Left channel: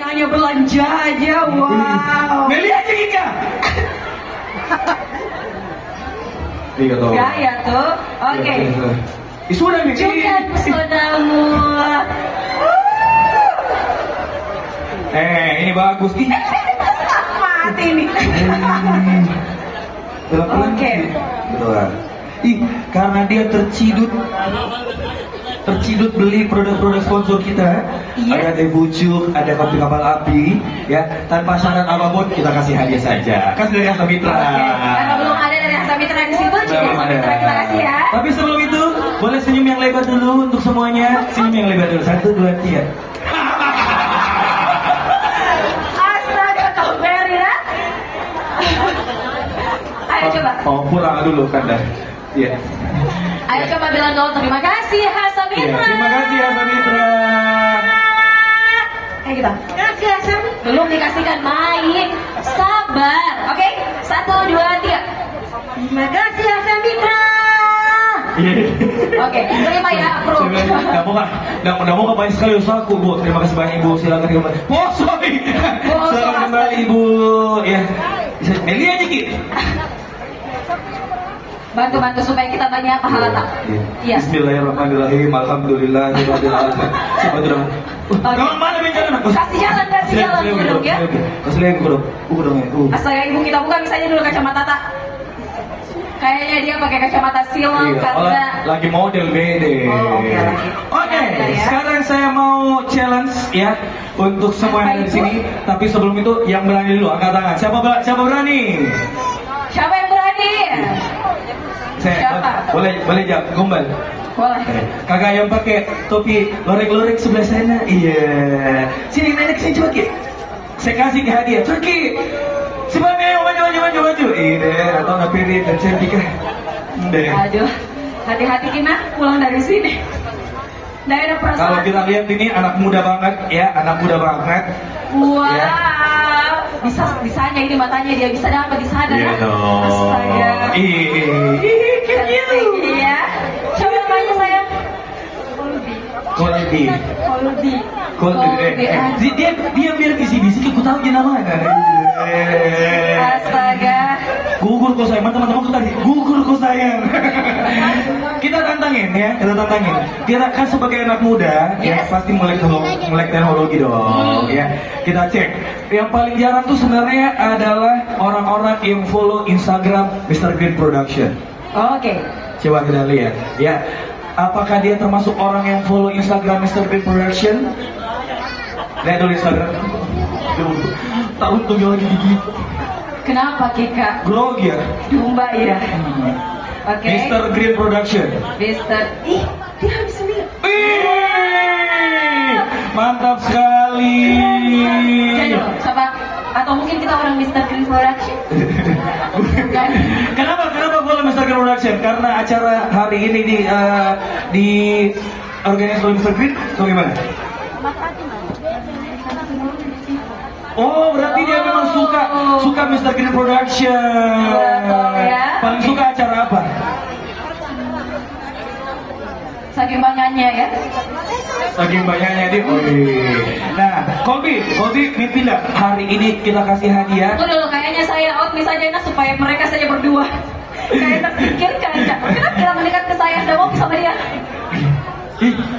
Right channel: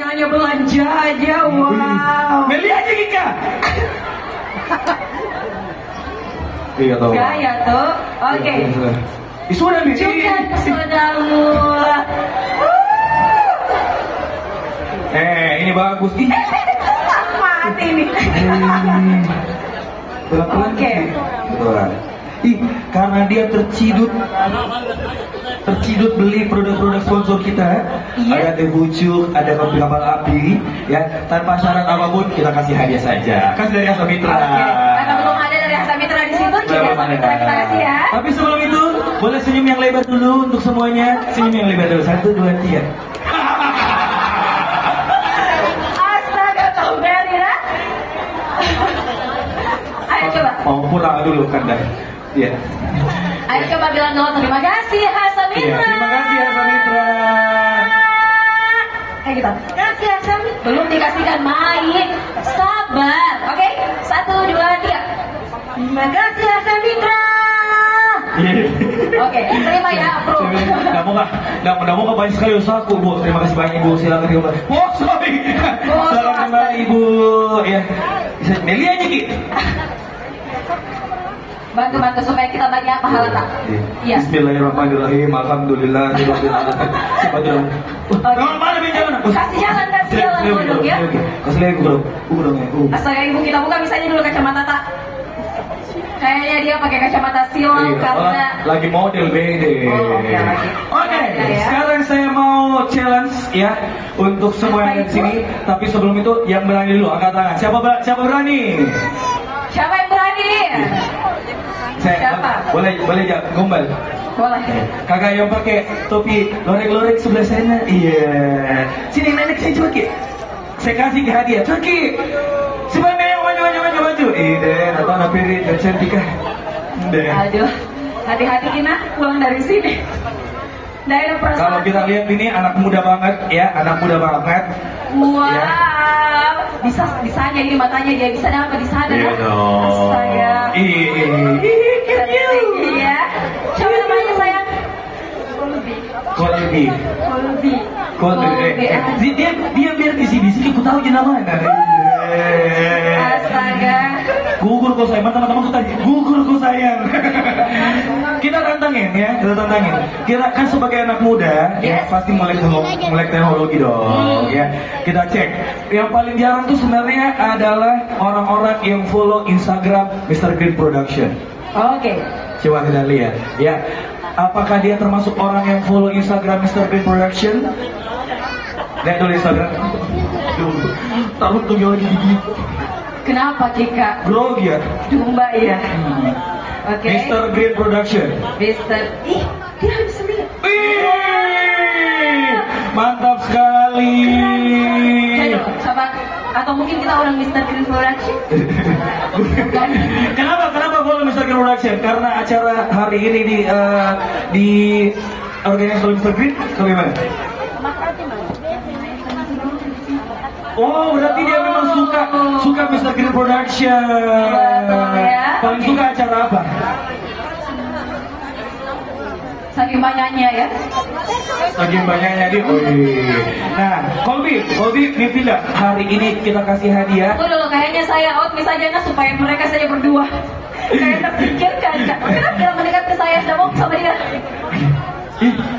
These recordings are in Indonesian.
Hanya belanja aja, wow. Beli aja kita. Iya toh. Ya tuh, oke. Sudah nih. Juga pesonamu. Ini bagus. Mati nih. Oke. Karena dia tercidut beli produk-produk sponsor kita. Yes. Ada Debucuk, ada kopi kapal api, ya tanpa syarat apapun kita kasih hadiah saja. Kan dari Hasa Mitra. Karena belum ada dari Hasa Mitra disebut, terima kasih ya. Tapi sebelum itu, boleh senyum yang lebar dulu untuk semuanya. Senyum yang lebar dulu. 1, 2, 3. Astaga, Toberi ya. Ayo coba. Oh, kurang dulu kan dah. Iya. Ayo coba bilang dulu terima kasih Hasa Mitra. Iya, terima kasih Hasa Mitra. Kayak gitu. Kasih Hasa Mitra. Belum dikasihkan main. Sabar. Oke. 1, 2, 3. Terima kasih Hasa Mitra. Oke, terima ya, approve. Nggak mau ngapain sekali usahaku, Bu. Terima kasih banyak Ibu. Silakan kembali. Oh, sorry. Silakan kembali Ibu. Ya. Meli aja Ki. Bantu supaya kita banyak pahala tak? Iya. Bismillahirrahmanirrahim. Alhamdulillahirabbil alamin. Kamu mana bicara? Kasih jalan dulu ya. Kasih lagi guru dong. Asal ibu kita buka misalnya dulu kacamata tak. Kayaknya dia pakai kacamata silau karena lagi model bede. Oke. Sekarang saya mau challenge ya untuk semua yang di sini. Tapi sebelum itu yang berani dulu angkat tangan. Siapa berani? Siapa yang berani? Siapa? Boleh jawab gombal. Boleh. Kakak yang pakai topi lorek-lorek sebelah sana. Iya. Sini nanya saya coba Ki. Saya kasih hadiah. Turki. Sebenarnya maju. Iya. Atau nanti ini cantik kan. Aduh. Hati-hati kita pulang dari sini. Nggak ada perasaan. Kalau kita lihat ini anak muda banget ya, anak muda banget. Wow. Ya. Bisanya ini matanya dia bisa dapat di sana. Iya dong. Astaga. Iya. Coba namanya sayang. Koldi. Dia biar bisik-bisik aku tahu dia namanya. Astaga. Gugur kok sayang, teman-teman tadi. Gugur kok sayang. Kita tantangin. Kita kan sebagai anak muda, ya pasti melek teknologi dong. Ya, kita cek. Yang paling jarang tuh sebenarnya adalah orang-orang yang follow Instagram Mr. Green Production. Oke. Coba kita lihat. Ya, apakah dia termasuk orang yang follow Instagram Mr. Green Production? Lihat dulu Instagram. Tahu tuh jauh gigi. Kenapa Kika? Grogi ya. Lumba ya. Oke. Mr. Green Production. Mr. Ih, dia bisa lihat. Mantap sekali. Sabar. Atau mungkin kita orang Mr. Green Production. Kenapa follow Mr. Green Production? Karena acara hari ini di organisasi Mr. Green atau gimana? Oh, berarti dia memang suka Mr. Green Production. Ya. Paling suka acara apa? Saking banyaknya kan? Saking banyaknya dia. Nah, Kolbi, mimpi nggak hari ini kita kasih hadiah? Betul, kayaknya saya out misalnya supaya mereka saja berdua. Saya terpikirkan, kenapa kita mendekat ke saya? Tidak mau sama dia.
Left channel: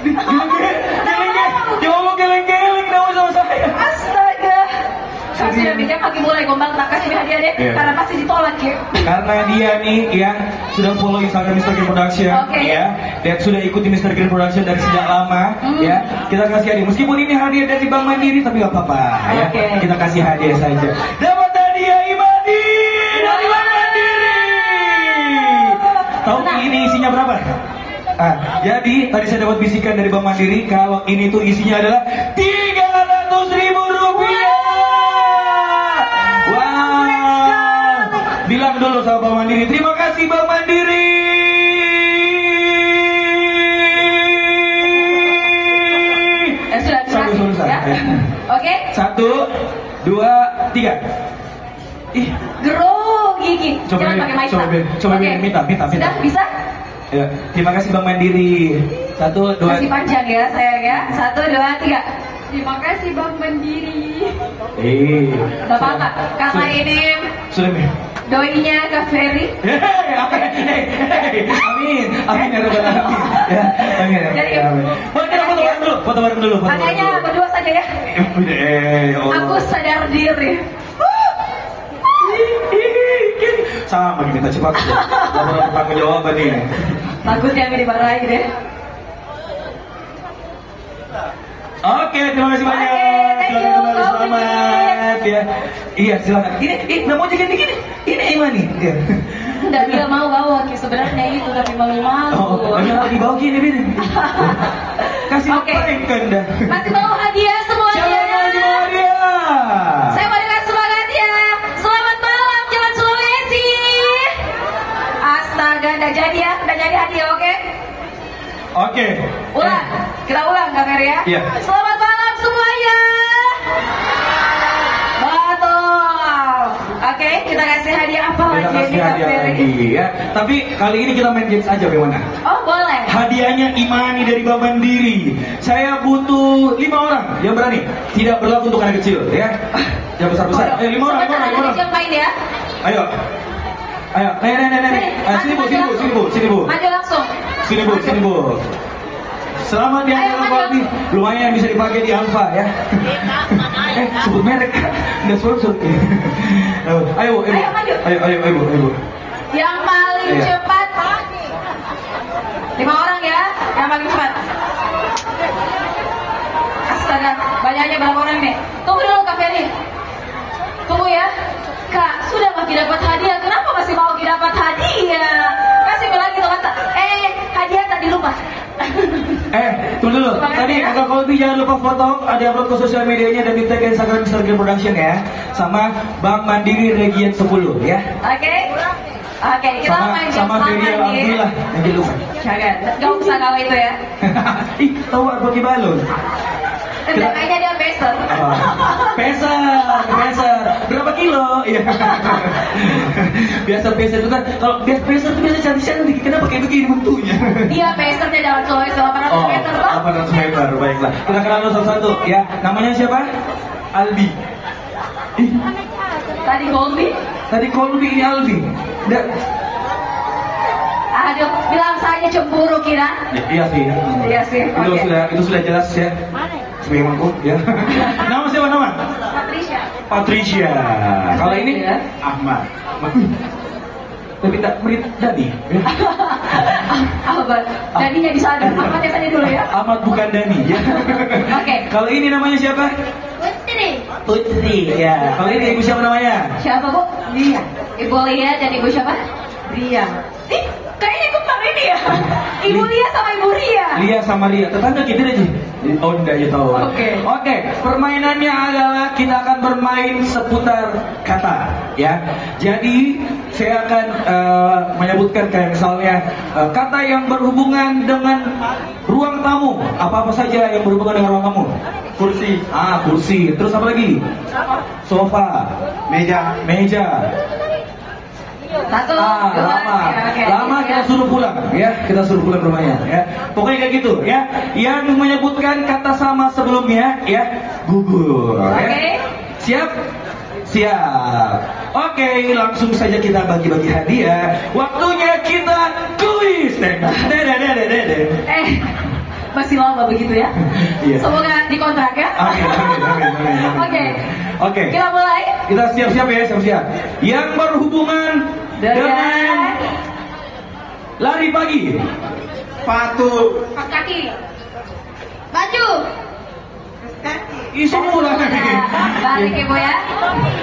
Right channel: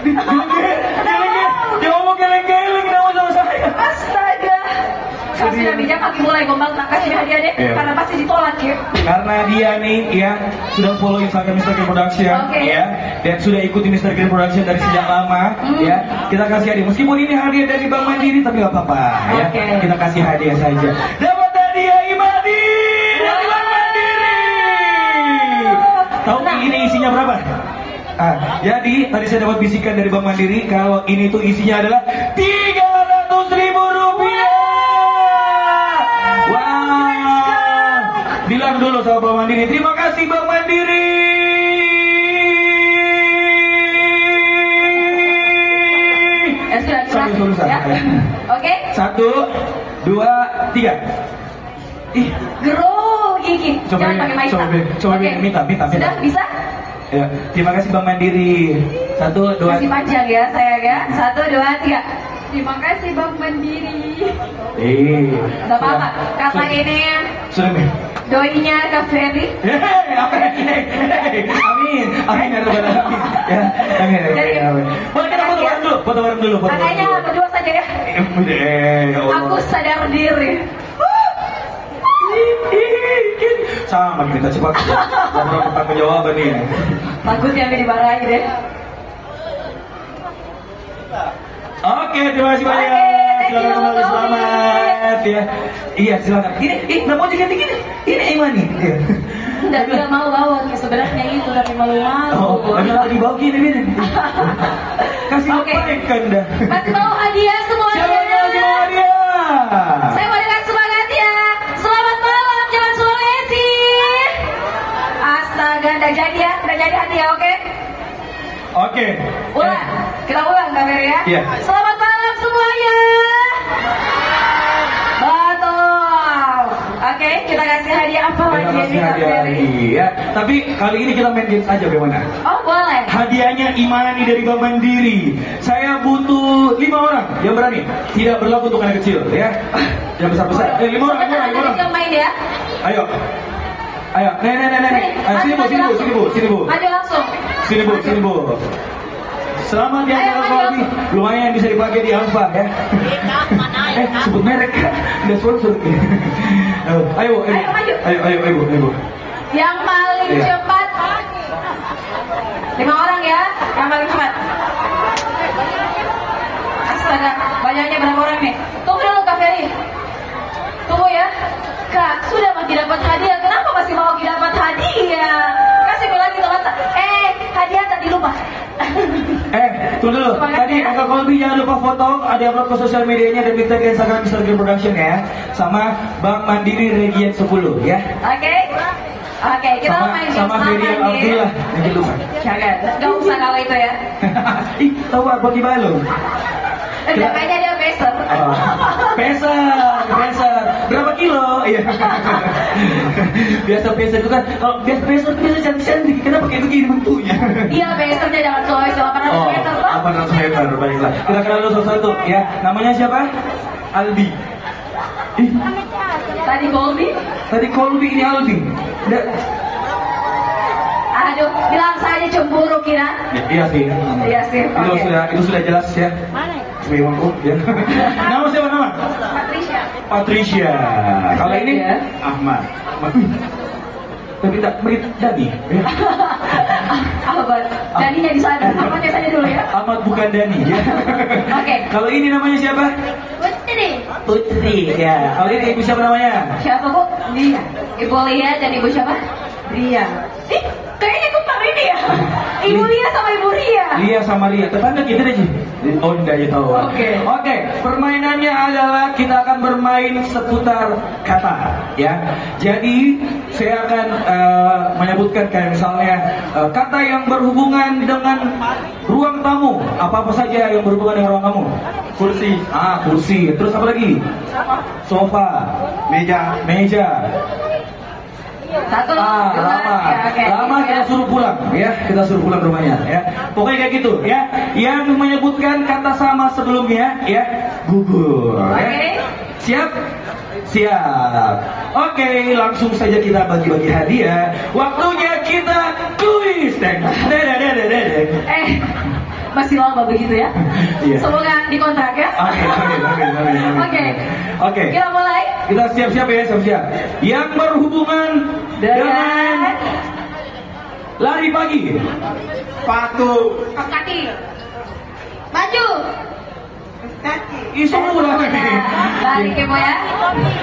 Dia ngomong geleng-geleng, dia mau sama saya. Astaga. Saya sudah bijak, nanti mulai gombal tak kasih hadiah deh, karena pasti ditolak ya. Karena dia nih yang sudah follow Instagram Mr. Green Production, ya, dan sudah ikuti Mr. Green Production dari sejak lama, ya. Kita kasih hadiah, meskipun ini hadiah dari Bank Mandiri, tapi nggak apa-apa, ya. Kita kasih hadiah saja. Dapat hadiah Imadi dari Bank Mandiri. Tahu ini isinya berapa? Jadi tadi saya dapat bisikan dari Bank Mandiri kalau ini tuh isinya adalah 300.000 rupiah. Wow. Bilang dulu sama Bank Mandiri. Terima kasih Bank Mandiri. Sudah ya. Oke. 1, 2, 3. Grogi. Coba minta. Sudah bisa? Ya, terima kasih Bank Mandiri. 1, 2. Masih panjang ya sayang ya. 1, 2, 3. Terima kasih Bang Mandiri. Gak apa-apa, karena ini sudah doinya Kak Ferry. Amin, amin ya Rabbal Alamin. Ya, amin. Foto bareng dulu. Makanya berdua saja ya. Aku sadar diri. Sama kita cepat. Laporan pertanggung jawaban nih. Takutnya ini dimarahin deh. Oke, terima kasih banyak. Silakan kembali, selamat ya. Iya, silakan. Ini nggak mau jadi gini. Ini Iman nih. Enggak, dia mau sebenarnya itu tapi mau. Oh, jangan dibawa gini nih. Kasih kan dah. Kasih tahu hadiah semuanya. Saya mau dengan semangat ya. Selamat malam Jalan Sulawesi. Astaga, udah jadi hadiah, oke? Oke. Ulang, kita ulang Kak Ferry ya. Iya. Selamat malam semuanya. Betul. Oke, kita kasih hadiah apa lagi nih Kak Ferry? Ya. Tapi kali ini kita main games aja bagaimana? Oh boleh. Hadiahnya Imani dari Bank Mandiri. Saya butuh 5 orang yang berani. Tidak berlaku untuk anak kecil ya. Yang besar-besar. 5 orang. Main ya. Ayo. Nenek. Sini bu. Maju langsung. Sini bu. Selamat ya Jalan Kopi. Lumayan bisa dipakai di Alfa ya. Sebut merek. Udah sponsor. Ayo. Yang paling cepat. 5 orang ya, yang paling cepat. Astaga, banyaknya berapa orang nih? Tunggu dulu Kak Ferry. Tunggu ya. Kak, sudah masih dapat hadiah. Kenapa masih mau dapat hadiah? Kasih lagi kata. Hadiah tadi lupa. Tunggu dulu. Tadi Kak Kolbi jangan lupa foto, ada upload ke sosial medianya dan di tag Instagram Mr. Game Production ya. Sama Bank Mandiri Region 10 ya. Oke, kita main sama Ferry Alhamdulillah. Yang kedua. Jangan, gak usah kalau itu ya. Tahu apa di balon? Kayaknya dia peser. Peser. Berapa kilo? Iya. Biasa peser itu kan. Kalau peser itu biasa cantik-cantik. Kenapa kayak begini bentuknya? Iya, pesernya jangan soal 800 meter kok. 800 meter, baiklah. Kita kenal satu-satu ya. Namanya siapa? Albi. Tadi Kolbi ini Albi. Aduh, bilang saya cemburu kira. Iya sih. Itu sudah jelas ya. Sebagai ya. Nama siapa nama? Patricia. Kalau ini Ahmad. Tapi tak beri Dani. Ahmad. Daninya di sana. Ahmadnya saja dulu ya. Ahmad bukan Dani ya. Oke. Kalau ini namanya siapa? Putri. Ya. Kalau ini ibu siapa namanya? Siapa Bu? Lia. Ibu Lia dan ibu siapa? Ria. Kayaknya ikut ini ya. Ibu Lia sama Ibu Ria. Lia sama Ria. Tetangga kita aja. Oh, dari tahu. Oke. Permainannya adalah kita akan bermain seputar kata, ya. Jadi saya akan menyebutkan kayak misalnya kata yang berhubungan dengan ruang tamu. Apa saja yang berhubungan dengan ruang tamu? Kursi. Terus apa lagi? Sofa. Meja. Satu, lama kita suruh pulang ya, kita suruh pulang bermain ya. Pokoknya kayak gitu ya. Yang menyebutkan kata sama sebelumnya ya gugur. Ya. Siap. Oke, langsung saja kita bagi-bagi hadiah. Waktunya kita kuis. Masih lama begitu ya? Iya. Semoga dikontrak ya. Oke. Kita mulai. Kita siap-siap ya, siap-siap. Yang berhubungan dengan lari pagi. Sepatu. Kaki. Baju. Semua Lari ke Bu ya.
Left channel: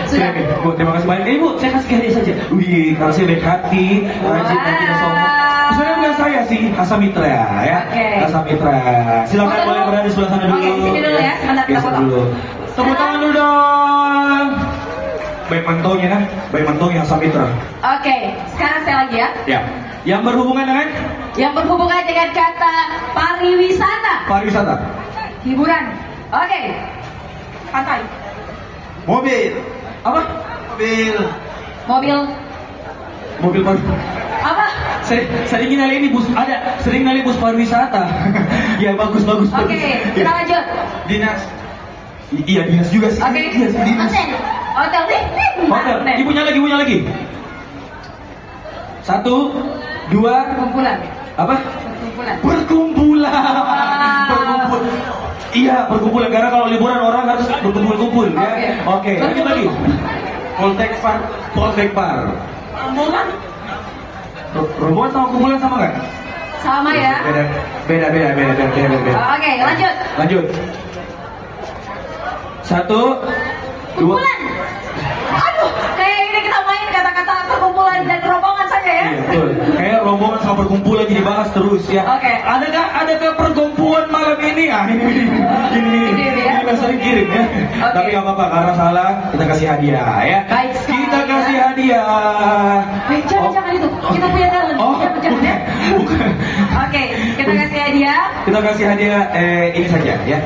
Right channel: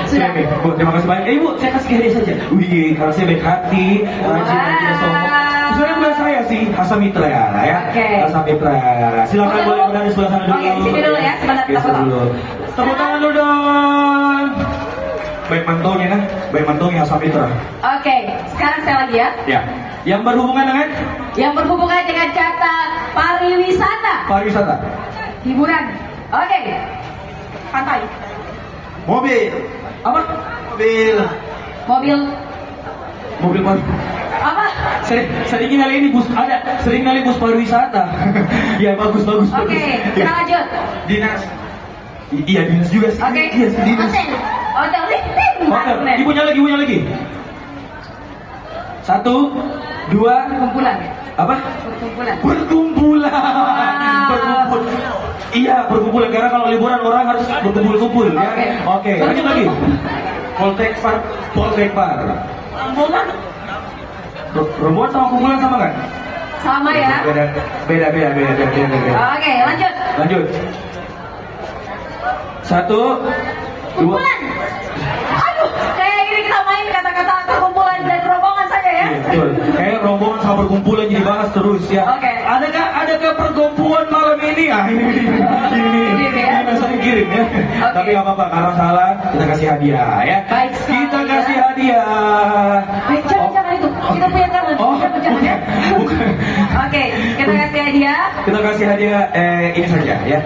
Sudah. Bu, terima kasih banyak. Ibu, saya kasih hadiah saja. Wih, kalau saya baik hati, rajin nanti sombong. Sebenarnya bukan saya sih, Asamitra ya. Asamitra. Silakan boleh berada di sebelah sana dulu. Oke, di sini dulu ya. Sebentar kita foto. Tepuk tangan dulu dong. Baik mantaunya kan? Baik mantaunya Asamitra. Oke, sekarang saya lagi ya. Ya. Yang berhubungan dengan kata pariwisata. Hiburan. Oke. Pantai. Mobil. Apa? Mobil baru. Apa? Sering kali ini bus ada, sering kali bus pariwisata. Ya bagus. Oke, kita lanjut. Dinas. Iya, dinas juga sih. Oke. Iya, dinas. Hotel. Hotel. Ibunya lagi. 1, 2. Kumpulan. Apa? Perkumpulan. Berkumpul. Iya, berkumpulan karena kalau liburan orang harus berkumpul-kumpul ya. Oke. Lanjut lagi. Poltek Par. Kumpulan. Rombongan sama kumpulan sama kan? Sama ya. Beda. Oke, Lanjut. 1, 2. kumpulan. Aduh, kayak ini kita main kata-kata perkumpulan dan rombongan saja ya. Iya, betul. Kayak rombongan sama perkumpulan lagi dibahas terus ya. Oke. Adakah perkumpulan malam ini? Ini sering kirim ya. Oke. Tapi nggak apa-apa karena salah kita kasih hadiah ya. Baik sekali, Kita ya. kasih hadiah. Jangan itu. Kita punya talent. Jangan ya. Bukan. Oke, kita kasih hadiah. Kita kasih hadiah ini saja ya.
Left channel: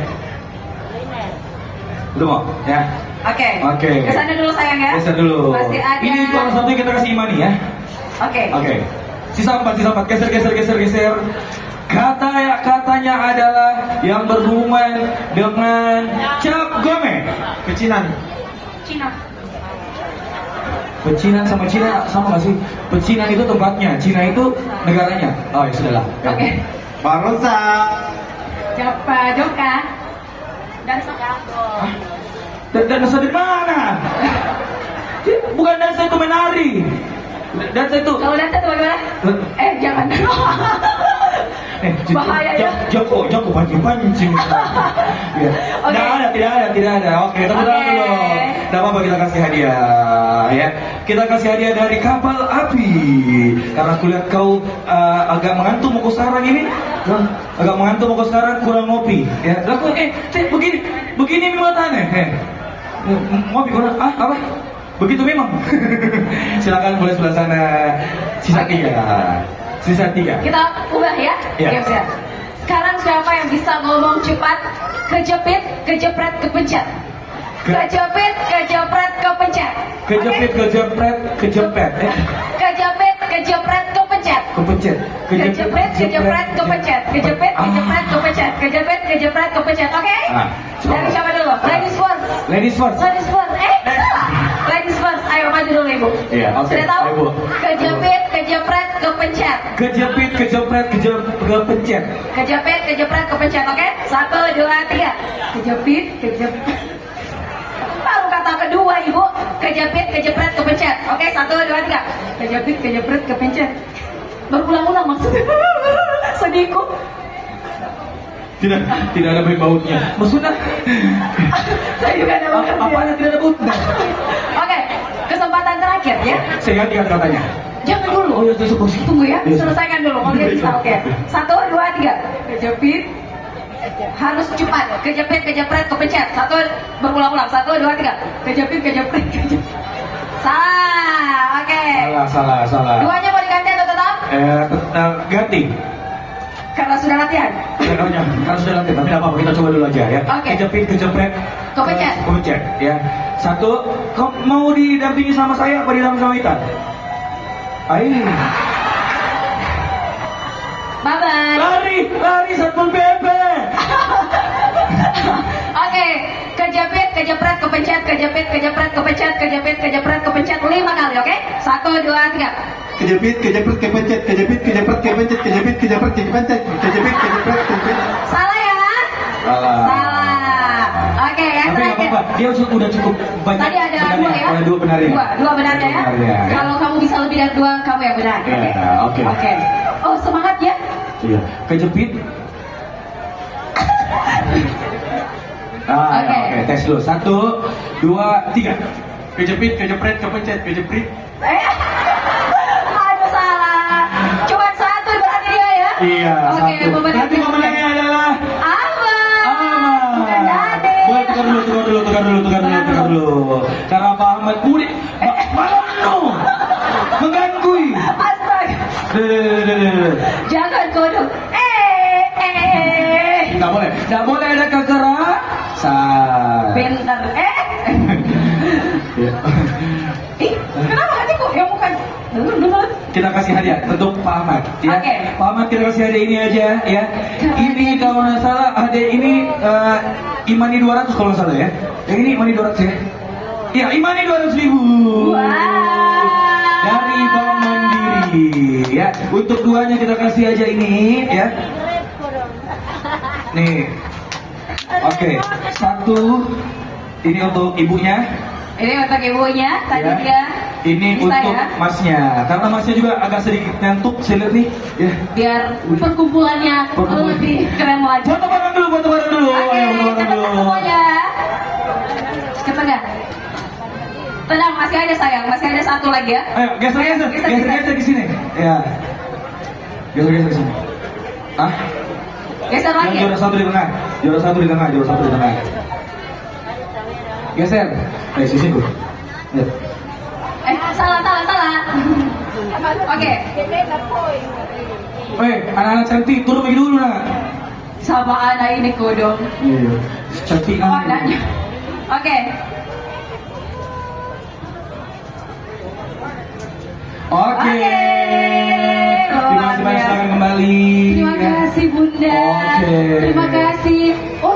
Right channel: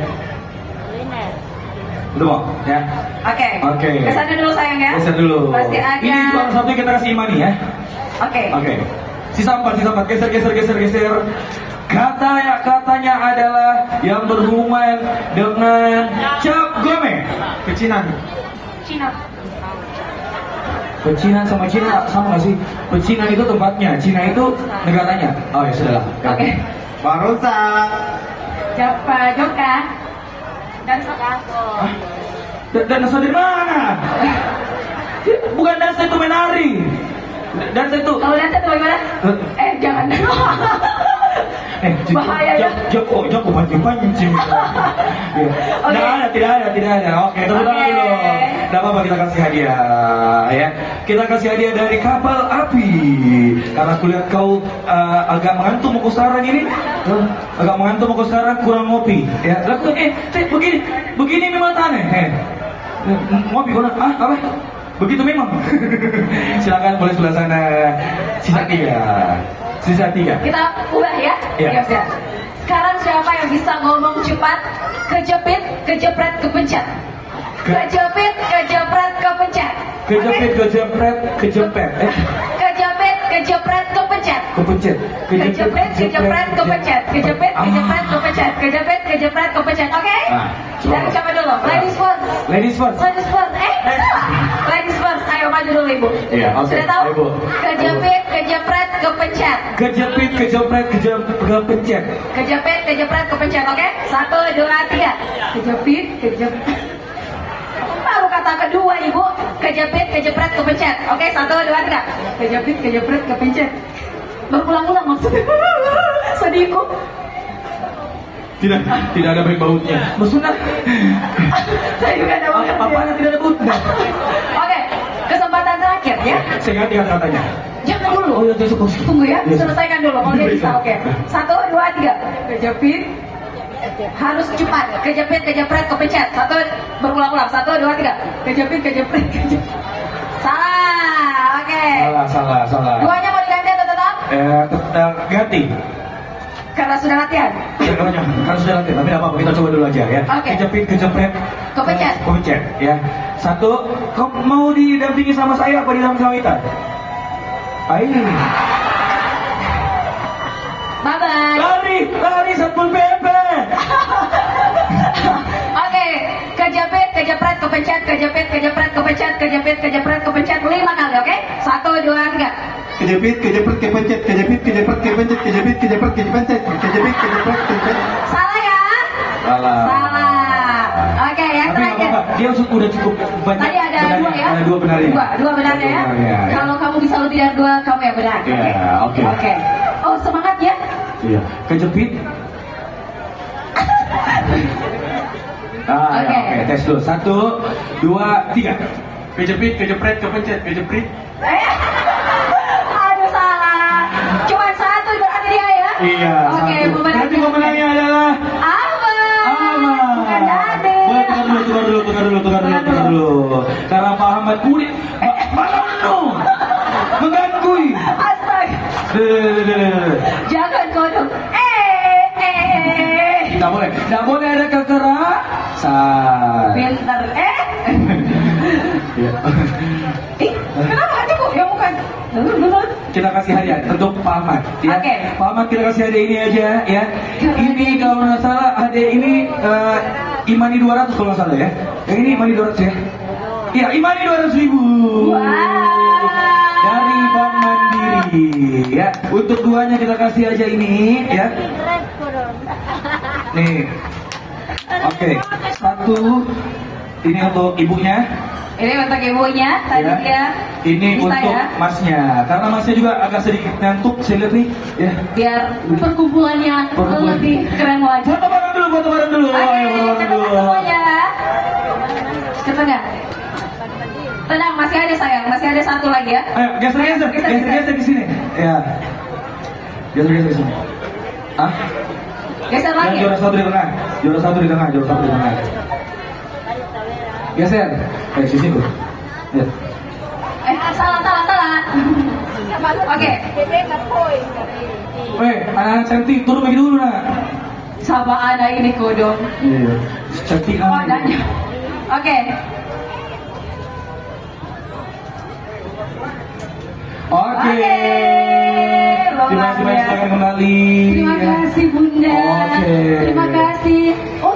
Udah mau ya. Oke. Kesan dulu sayang ya. Kesan dulu. Pasti ada. Ini kalau satu kita kasih Imani ya. Oke. Sisa 4. Geser. Katanya adalah yang berhubungan dengan Cap Gome. Pecinan. Pecinan sama Cina sama nggak sih? Pecinan itu tempatnya, Cina itu negaranya. Oh ya sudahlah. Oke. Barosa. Jawab kan? Dansa kantor. Dansa dari mana? Bukan dansa itu menari. Dansa itu. Kalau dansa itu bagaimana? Jangan. Bahaya ya. Joko pancing. Tidak ada. Oke, tepuk tangan dulu. Tidak apa-apa, kita kasih hadiah ya. Kita kasih hadiah dari kapal api. Karena aku lihat kau agak mengantuk mau sekarang ini. Agak mengantuk mau sekarang kurang ngopi. Ya, begini memang aneh. Ngopi mana? Apa? Begitu memang. Silakan boleh sebelah sana. Sisa 3. Kita ubah ya. Iya. Ya. Sekarang siapa yang bisa ngomong cepat? Kejepit, kejepret, kepencet. Kejepit, kejepret, kepencet. Kejepit, kejepret. Kejepit, kejepret, kepencet. Kepencet. Kejepit, kejepret, kepencet. Kejepit, kejepret, kepencet. Kejepit, kejepret, kepencet. Oke? Dari siapa dulu? Ladies first. Ladies first. Ayo maju dulu ibu. Iya, oke. Sudah tahu? Ayo, Bu. Kejepit, kejepret, kepencet. Kejepit, kejepret, kepencet. Kejepit, kejepret, kepencet. Oke? 1, 2, 3. Kejepit. Baru kata kedua ibu. Kejepit, kejepret, kepencet. Oke? 1, 2, 3. Kejepit, kejepret, kepencet. Berulang-ulang maksudnya. Sedih kok. Tidak ada baut-bautnya. Maksudnya? Saya juga ada baut. Apa yang tidak ada bautnya? Oke, kesempatan terakhir ya. Saya lihat katanya. Jangan dulu. Oh ya, Tunggu ya, Yes. selesaikan dulu. Kalau dia bisa, oke. 1, 2, 3. Kejepit. Harus cepat. Kejepit, kejepret, kepencet. 1, berulang-ulang. 1, 2, 3. Kejepit, kejepret, kejepit. Salah, oke. Salah. Duanya mau diganti atau tetap? Ganti. Karena sudah latihan. Kan sudah nanti, tapi apa-apa kita coba dulu aja ya. Oke. Kejepit, kejepret, Kepencet. ya. 1, kau mau didampingi sama saya apa didampingi sama Ita? Ayo. Bye-bye. Lari Satpol PP. Oke, kejepit, kejepret, kepencet, kejepit, kejepret, kepencet, kejepit, kejepret, kepencet 5 kali, oke? 1, 2, 3. Kejepit, kejepret, kepencet. Kejepit, kejepret, kepencet. Kejepit, kejepret, kepencet. Kejepit, kejepret, kepencet. Salah ya? Salah. Oke, yang Tapi nggak terakhir. apa-apa, dia udah cukup banyak. Tadi ada benarnya. 2 ya? Ada 2 benarnya. Dua benarnya ya? Iya. Kalau kamu bisa lebih dari 2, kamu yang benar. Ya, oke. Oke. Oh, semangat ya? Iya. Kejepit. Oke. Oke, tes dulu. 1, 2, 3. Kejepit, kejepret, kepencet, kejepit. Aduh, salah. Cuma 1 berarti dia ya? Iya, Oke, 1. Nanti pemenangnya adalah Ama. Ahmad. Bukan Dade. Boleh tukar dulu. Cara Pak Ahmad kulit. Mengganggu. Astaga. Jangan kodok. Tidak boleh ada kekerasan. Bentar. Ya. Kenapa kok? Ya bukan. Kita kasih hadiah untuk Pak Ahmad ya. Oke. Pak Ahmad kita kasih hadiah ini aja ya. Ini kalau nggak salah hadiah ini Imani 200 kalau nggak salah ya. Yang ini Imani 200 ya. Iya, Imani 200.000. Wow. Dari Bank Mandiri ya. Untuk duanya kita kasih aja ini ya. Nih. Oke, satu ini untuk ibunya. Ini untuk ibunya, tadi Ya. dia. Ini bisa untuk ya? masnya, karena masnya juga agak sedikit ngantuk, saya lihat nih. Ya. Biar perkumpulannya lebih keren lagi. Foto bareng dulu, foto bareng dulu. Oke, Ayo, foto bareng ketemu dulu. semuanya. Ketemu. Tenang, masih ada sayang, masih ada satu lagi ya. Ayo, geser ke sini. Ya. Geser ke sini. Ah, Geser yang lagi. juara satu di tengah. Juara satu di tengah. Geser. Sisi dulu. Ya. Salah. Oke. Anak cantik, turun lagi dulu nak. Sama anak ini kodok. Iya. Cantik Oh, anak. enggak. Oke. Oke. Terima kasih banyak, selamat kembali. Terima kasih Bunda. Oke. Terima kasih. Oh,